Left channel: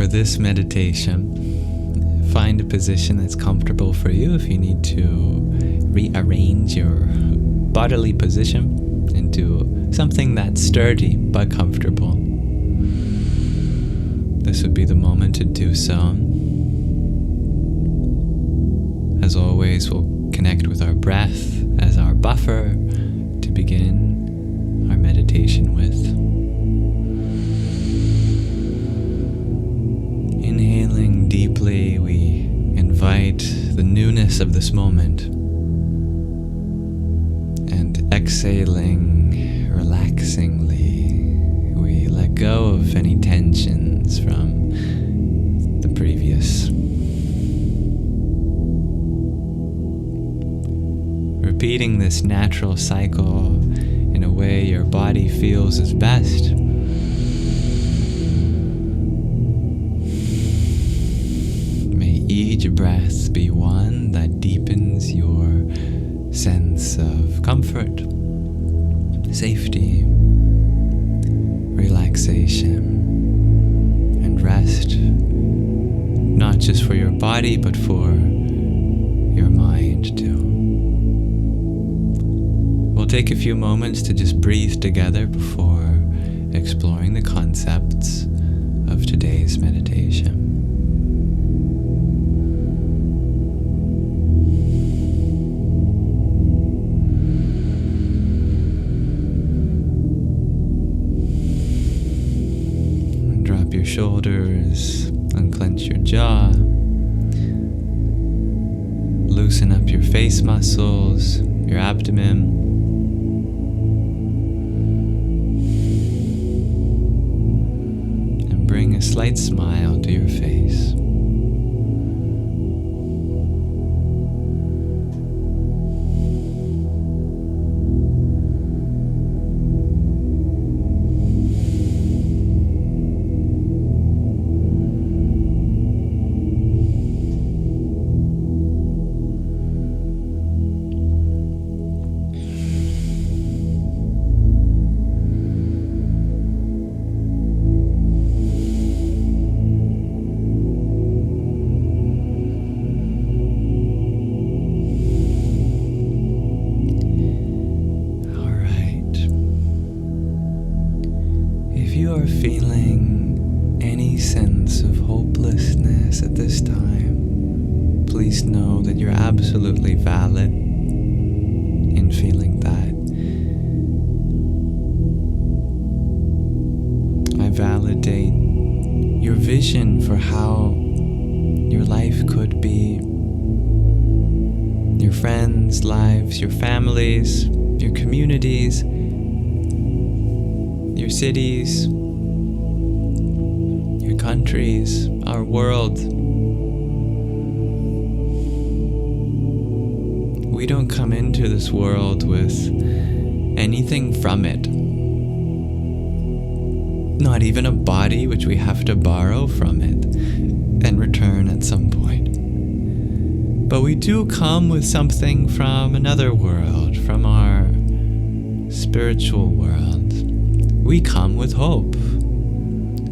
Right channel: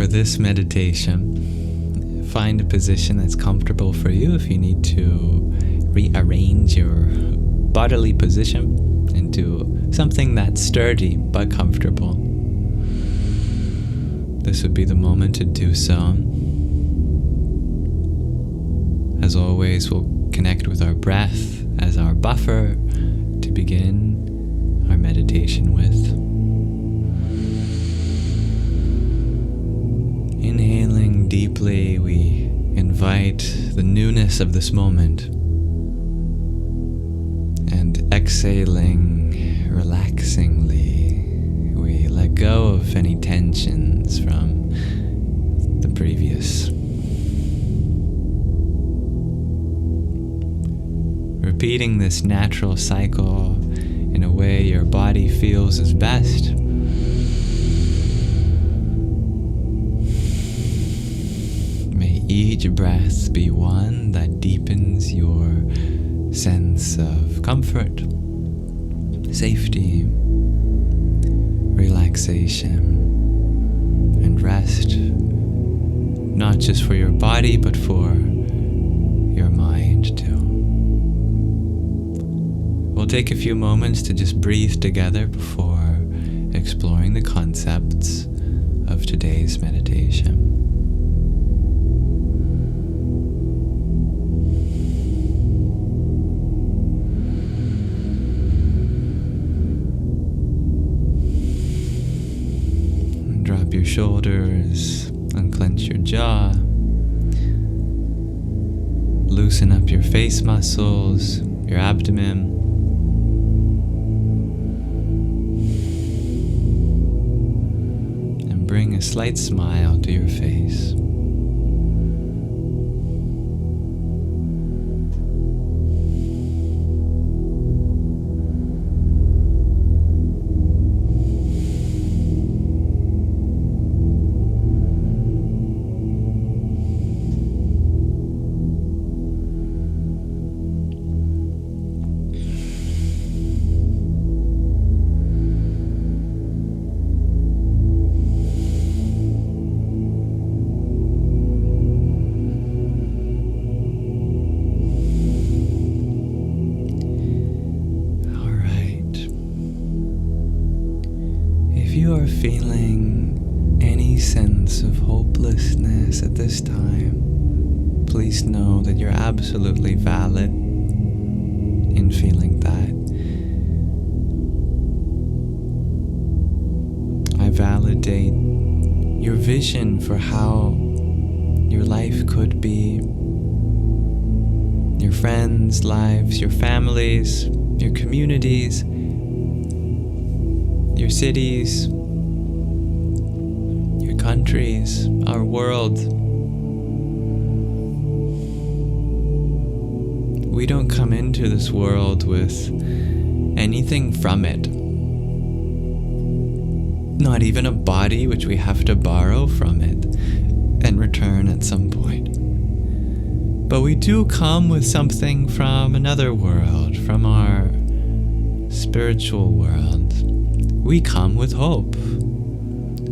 for this meditation, find a position that's comfortable for you. If you need to rearrange your bodily position into something that's sturdy but comfortable, this would be the moment to do so. As always, we'll connect with our breath as our buffer to begin our meditation with. Inhaling deeply, we invite the newness of this moment, and exhaling relaxingly, we let go of any tensions from the previous. Repeating this natural cycle in a way your body feels is best. May each breath be one that deepens your sense of comfort, safety, relaxation, and rest, not just for your body, but for your mind too. We'll take a few moments to just breathe together before exploring the concepts of today's meditation. Drop your shoulders, unclench your jaw, loosen up your face muscles, your abdomen, and bring a slight smile to your face. If you are feeling any sense of hopelessness at this time, please know that you're absolutely valid in feeling that. I validate your vision for how your life could be, your friends' lives, your families, your communities, your cities, your countries, our world. We don't come into this world with anything from it. Not even a body which we have to borrow from it and return at some point. But we do come with something from another world, from our spiritual world. We come with hope.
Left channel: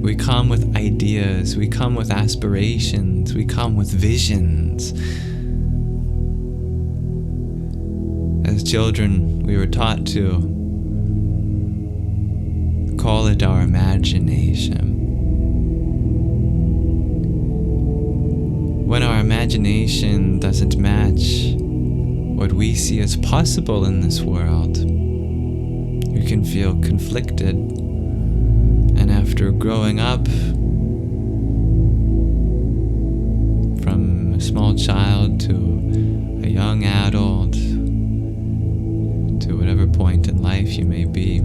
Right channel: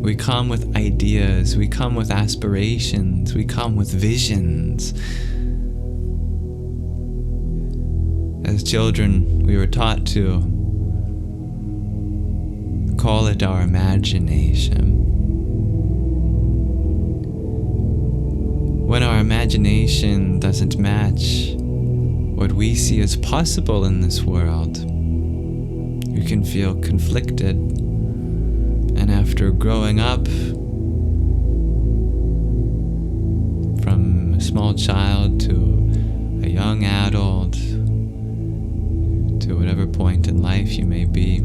We come with ideas. We come with aspirations. We come with visions. As children, we were taught to call it our imagination. When our imagination doesn't match what we see as possible in this world, you can feel conflicted. And after growing up from a small child to a young adult, to whatever point in life you may be,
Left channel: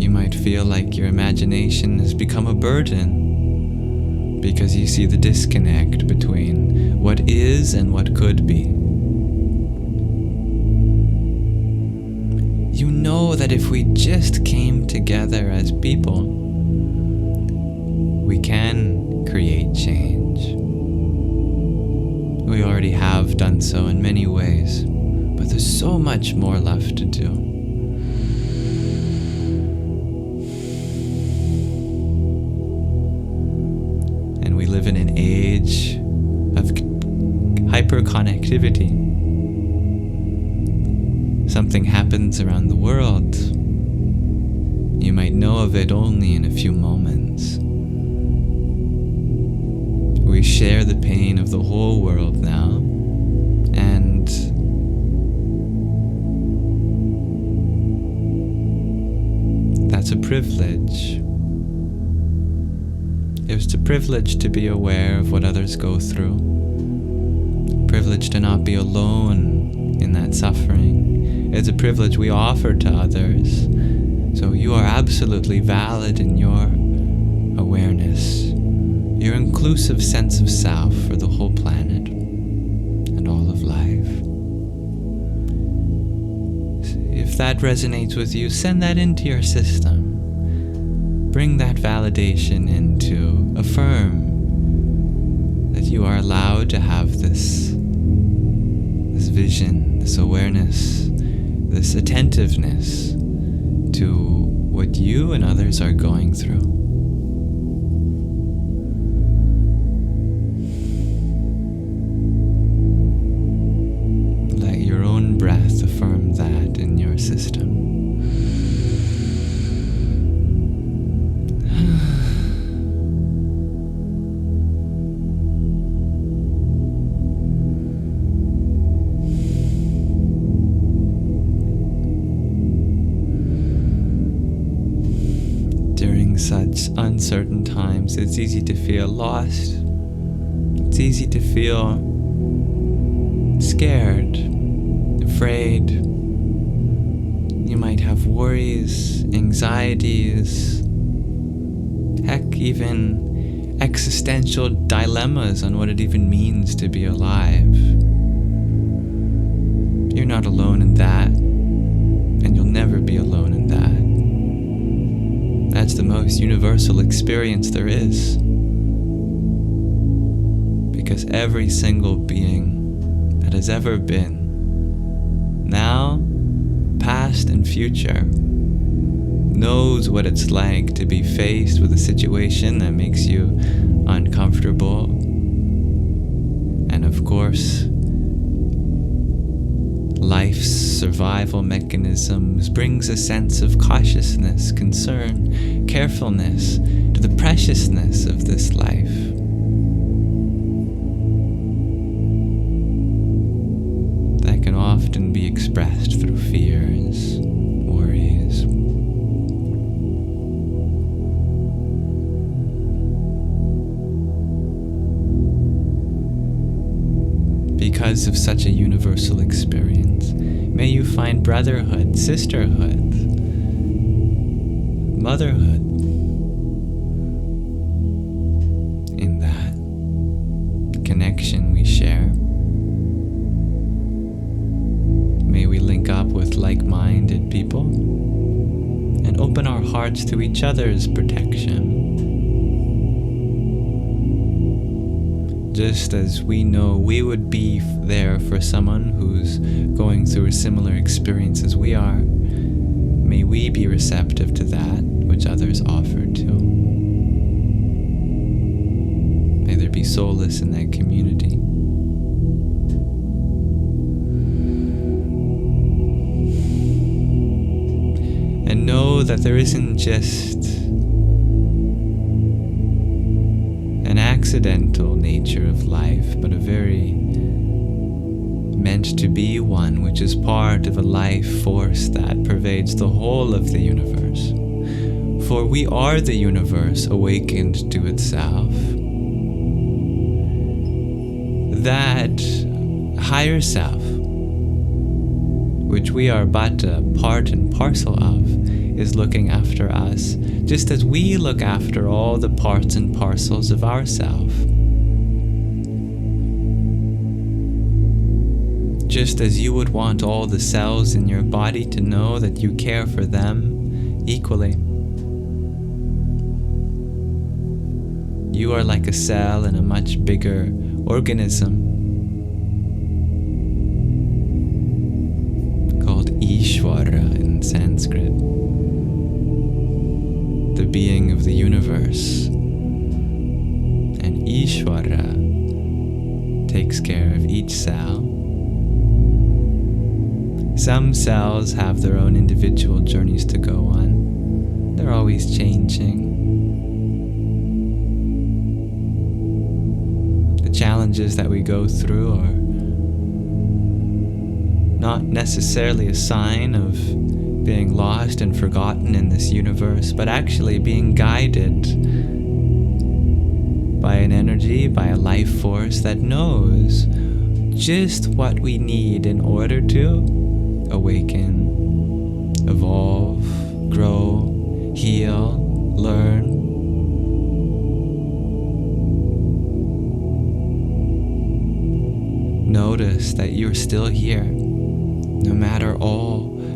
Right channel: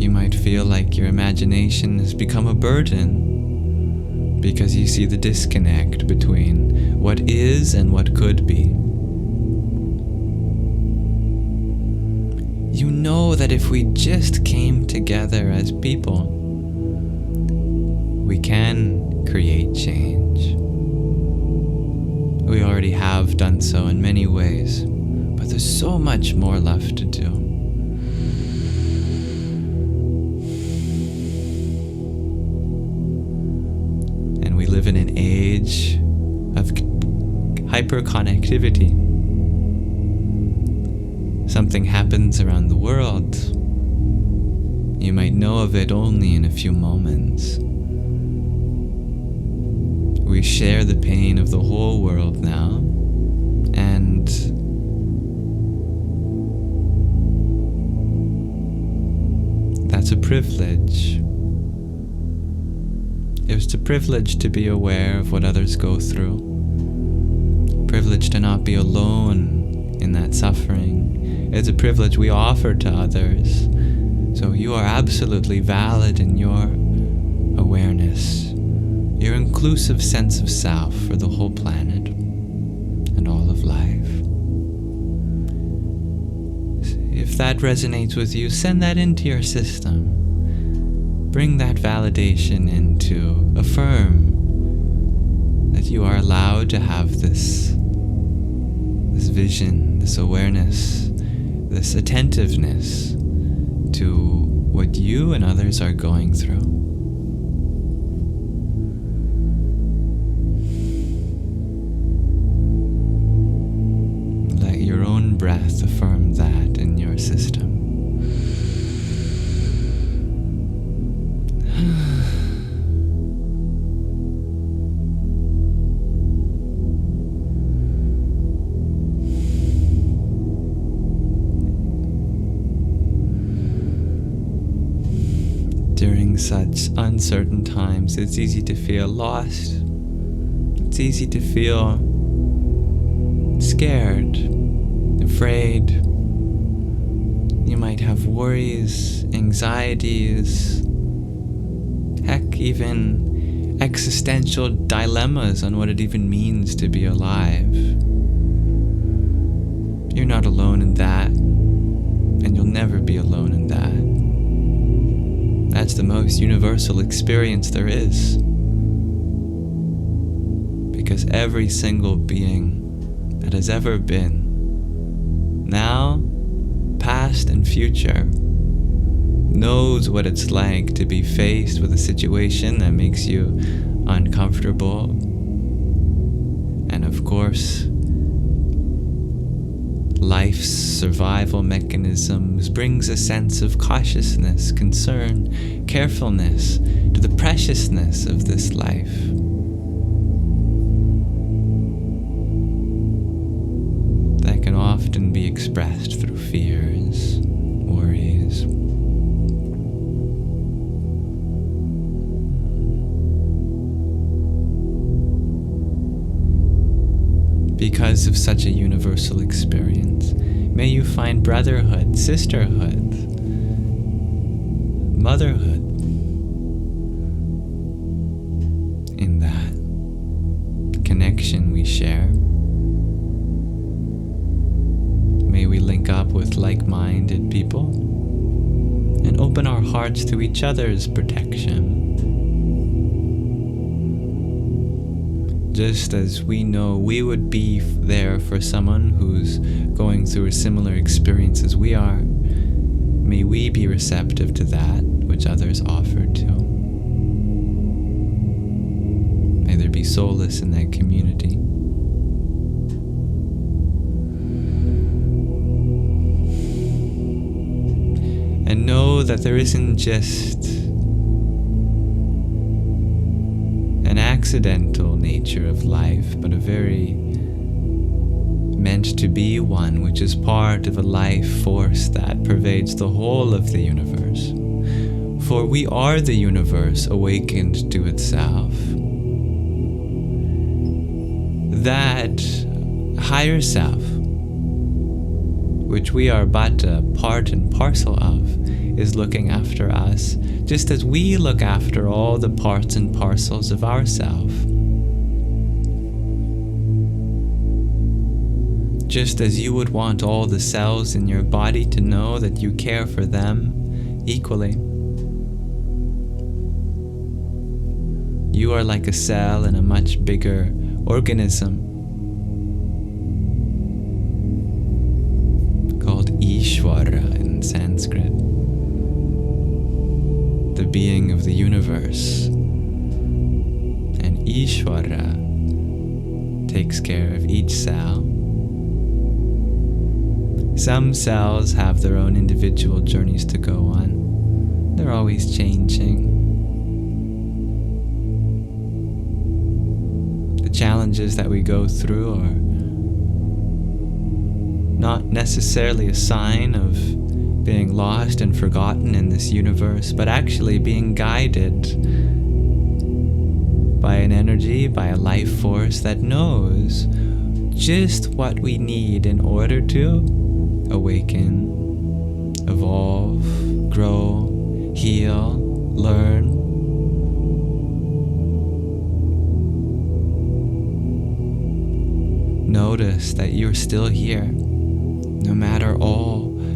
you might feel like your imagination has become a burden because you see the disconnect between what is and what could be. You know that if we just came together as people, we can create change. We already have done so in many ways, but there's so much more left to do. live in an age of hyperconnectivity. Something happens around the world. You might know of it only in a few moments. We share the pain of the whole world now, and that's a privilege. It's a privilege to be aware of what others go through. A privilege to not be alone in that suffering. It's a privilege we offer to others. So you are absolutely valid in your awareness, your inclusive sense of self for the whole planet and all of life. If that resonates with you, send that into your system. Bring that validation in to affirm that you are allowed to have this vision, this awareness, this attentiveness to what you and others are going through. Let your own breath affirm that in your system. During such uncertain times, it's easy to feel lost. It's easy to feel scared, afraid. You might have worries, anxieties, heck, even existential dilemmas on what it even means to be alive. You're not alone in that, and you'll never be alone in that. That's the most universal experience there is. Because every single being that has ever been, now, past, and future, knows what it's like to be faced with a situation that makes you uncomfortable. And of course, life's survival mechanisms brings a sense of cautiousness, concern, carefulness to the preciousness of this life. That can often be expressed through fears, worries. Because of such a universal experience, may you find brotherhood, sisterhood, motherhood in that connection we share. May we link up with like-minded people and open our hearts to each other's protection. Just as we know we would be there for someone who's going through a similar experience as we are, may we be receptive to that which others offer too. May there be solace in that community. And know that there isn't just an accidental nature of life, but a very meant to be one, which is part of a life force that pervades the whole of the universe. For we are the universe awakened to itself. That higher self, which we are but a part and parcel of, is looking after us, just as we look after all the parts and parcels of ourself. Just as you would want all the cells in your body to know that you care for them equally. You are like a cell in a much bigger organism called Ishvara in Sanskrit, the being of the universe. and Ishvara takes care of each cell. Some cells have their own individual journeys to go on. They're always changing. The challenges that we go through are not necessarily a sign of being lost and forgotten in this universe, but actually being guided by an energy, by a life force that knows just what we need in order to awaken, evolve, grow, heal, learn. Notice that you're still here.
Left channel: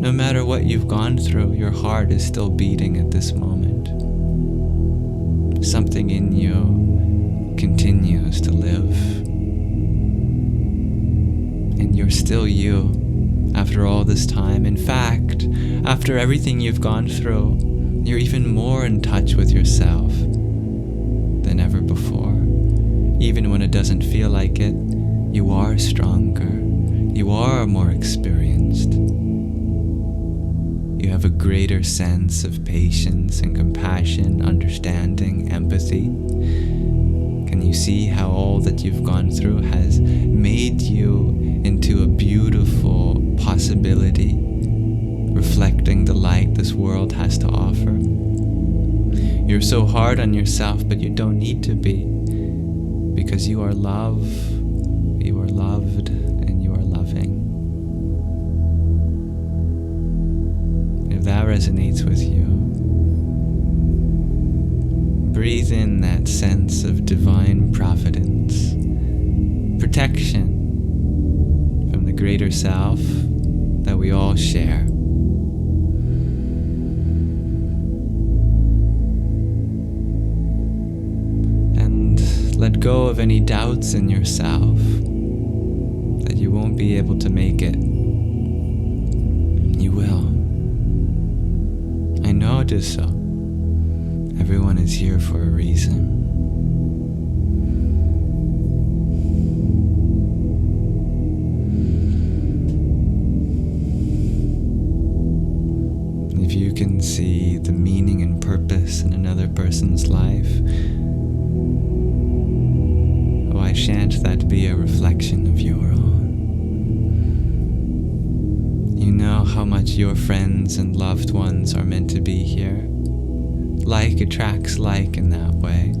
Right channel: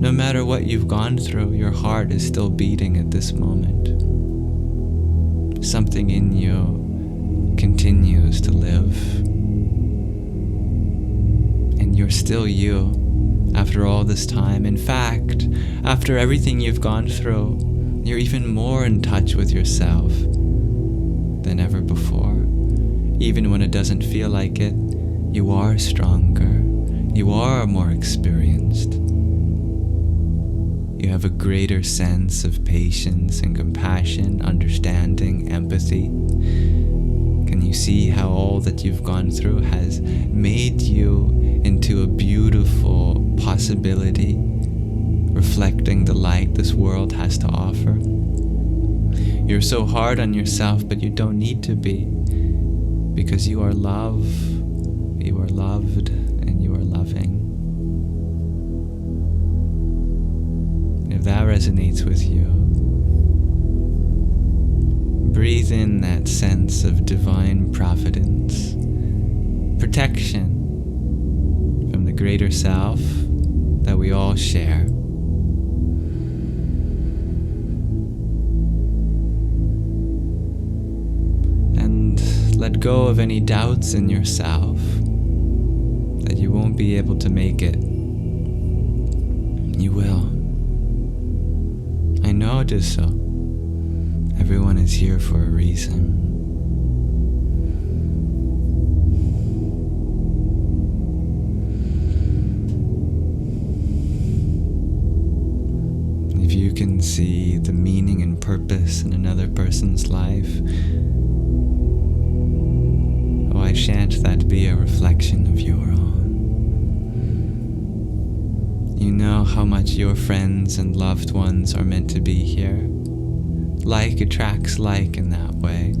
No matter what you've gone through, your heart is still beating at this moment. Something in you continues to live. And you're still you after all this time. In fact, after everything you've gone through, you're even more in touch with yourself than ever before. Even when it doesn't feel like it, you are stronger. You are more experienced. You have a greater sense of patience and compassion, understanding, empathy. Can you see how all that you've gone through has made you into a beautiful possibility, reflecting the light this world has to offer? You're so hard on yourself, but you don't need to be, because you are love, you are loved, and you are loving. If that resonates with you, breathe in that sense of divine providence, protection from the greater self that we all share. And let go of any doubts in yourself that you won't be able to make it. You will. I know it is so. Everyone is here for a reason. If you can see the meaning and purpose in another person's life, why shan't that be a reflection of your own? You know how much your friends and loved ones are meant to be here. Like attracts like in that way.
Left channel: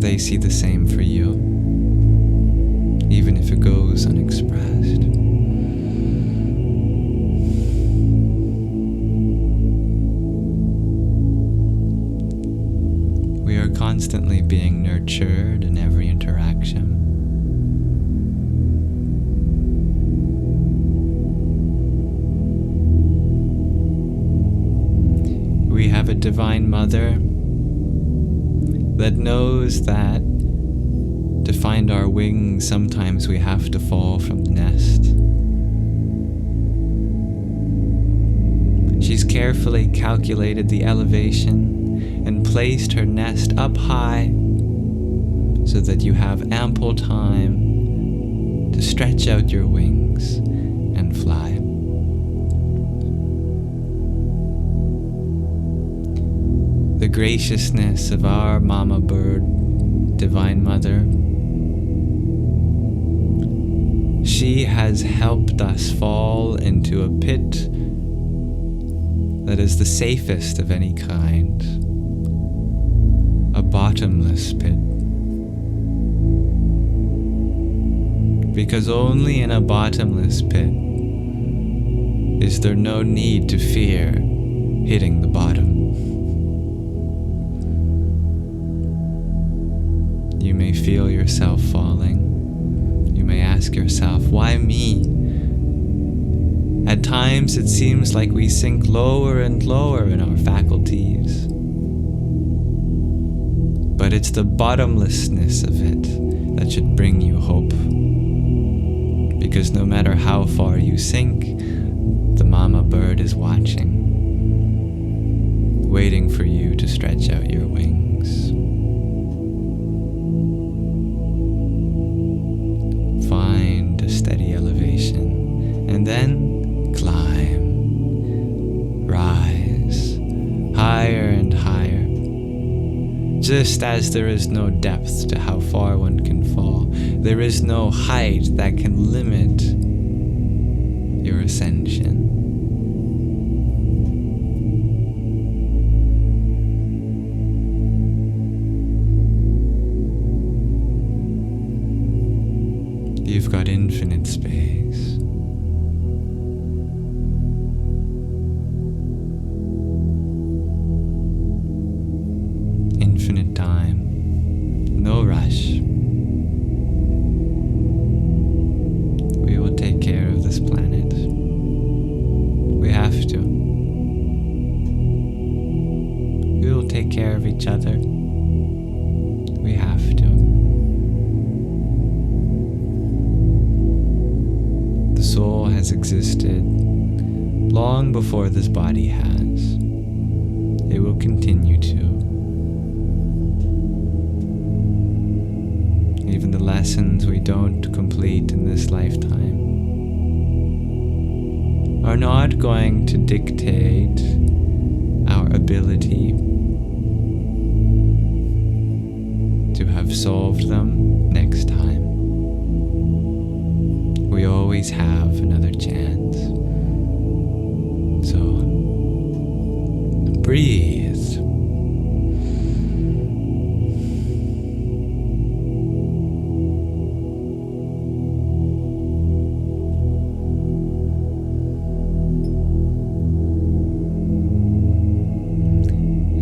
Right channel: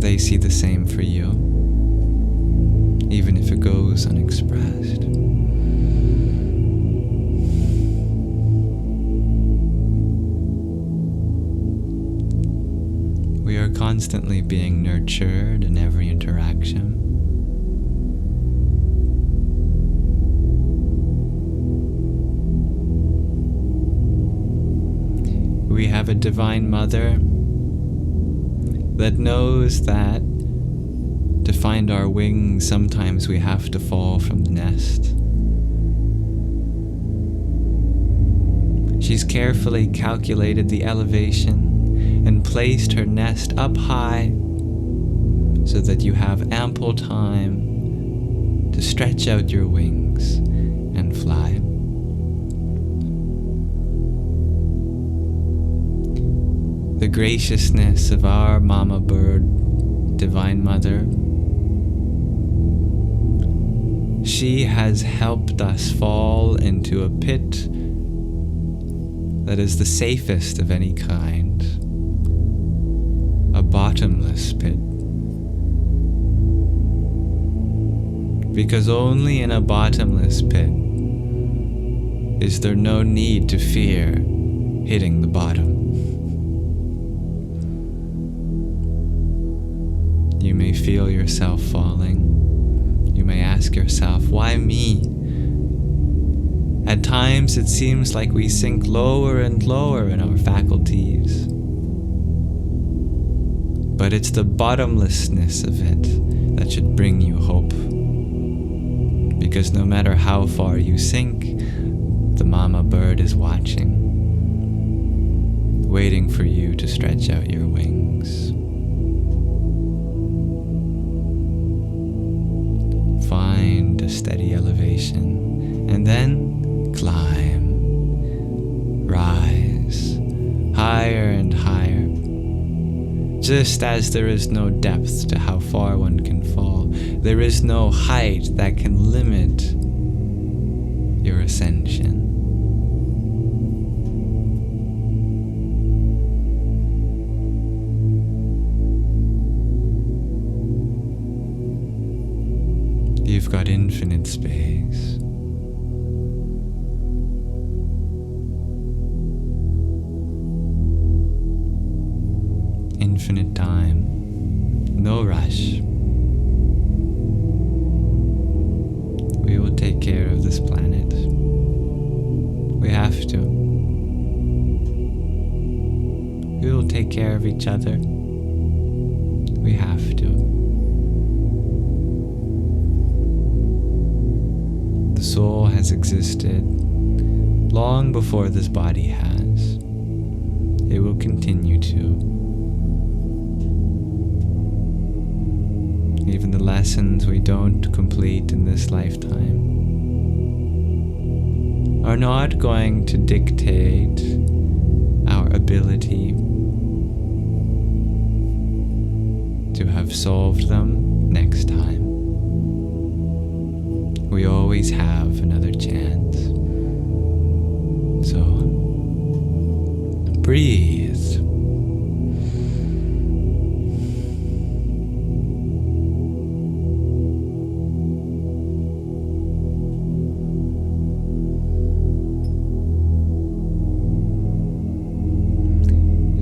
They see the same for you, even if it goes unexpressed. We are constantly being nurtured in every interaction. We have a divine mother that knows that to find our wings, sometimes we have to fall from the nest. She's carefully calculated the elevation and placed her nest up high so that you have ample time to stretch out your wings and fly. The graciousness of our mama bird, Divine Mother, she has helped us fall into a pit that is the safest of any kind, a bottomless pit. Because only in a bottomless pit is there no need to fear hitting the bottom. You may feel yourself falling. You may ask yourself, why me? At times it seems like we sink lower and lower in our faculties. But it's the bottomlessness of it that should bring you hope. Because no matter how far you sink, the mama bird is watching, waiting for you to stretch out your wings. a steady elevation, and then climb, rise, higher and higher. Just as there is no depth to how far one can fall, there is no height that can limit your ascension. You've got infinite space. Infinite time. No rush. We will take care of this planet. We have to. We will take care of each other. We have to. The soul has existed long before this body has. It will continue to. Even the lessons we don't complete in this lifetime are not going to dictate our ability to have solved them next time. We always have another chance. So, breathe.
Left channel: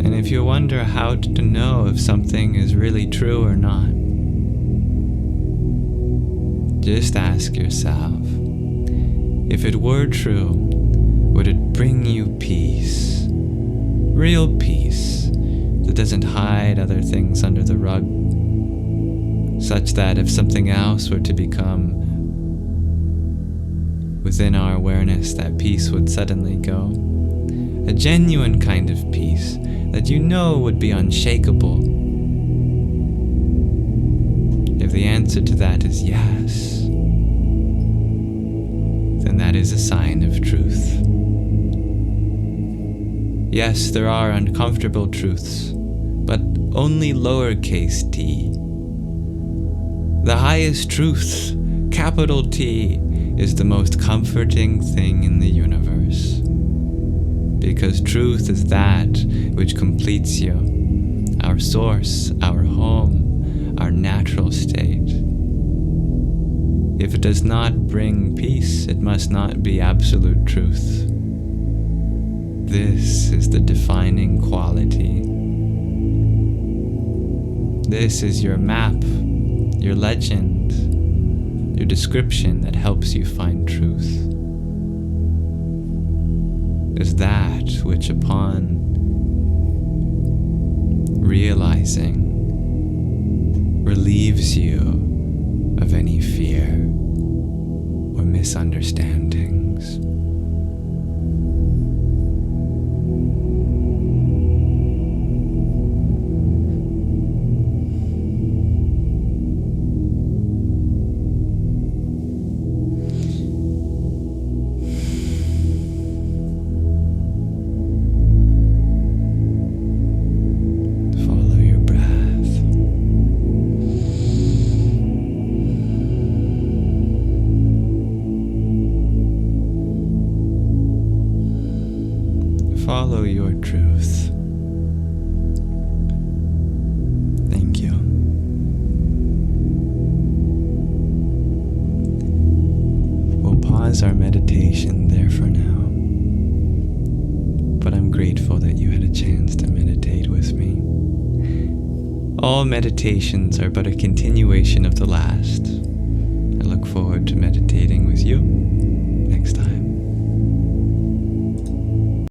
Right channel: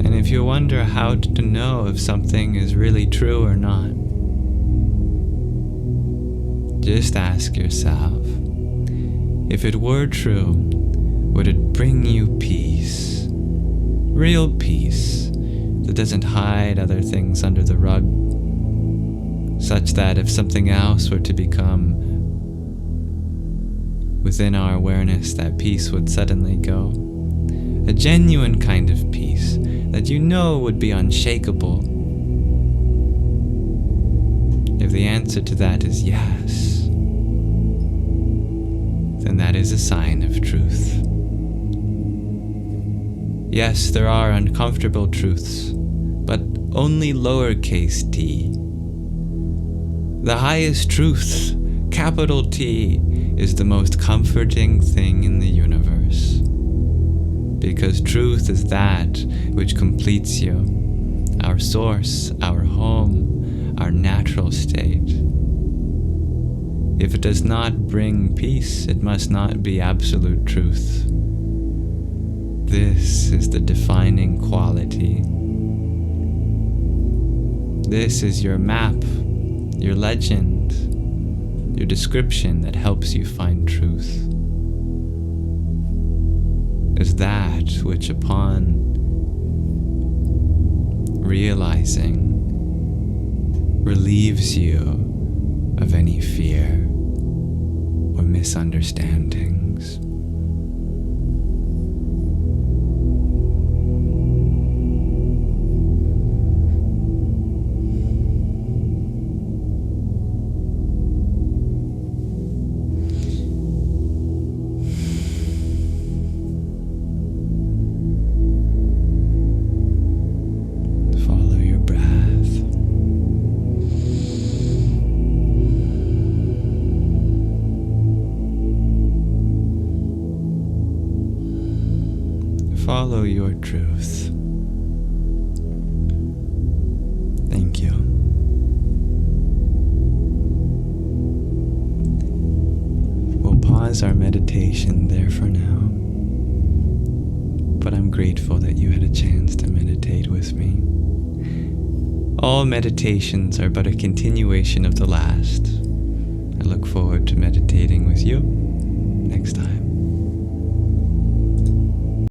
And if you wonder how to know if something is really true or not, just ask yourself, if it were true, would it bring you peace? Real peace that doesn't hide other things under the rug, such that if something else were to become within our awareness, that peace would suddenly go. A genuine kind of peace that you know would be unshakable. If the answer to that is yes, then that is a sign of truth. Yes, there are uncomfortable truths, but only lowercase t. The highest truth, capital T, is the most comforting thing in the universe. Because truth is that which completes you, our source, our home, our natural state. If it does not bring peace, it must not be absolute truth. This is the defining quality. This is your map, your legend, your description that helps you find truth. Is that which upon realizing relieves you of any fear or misunderstandings. Follow your truth. Thank you. We'll pause our meditation there for now, but I'm grateful that you had a chance to meditate with me. All meditations are but a continuation of the last. I look forward to meditating with you next time.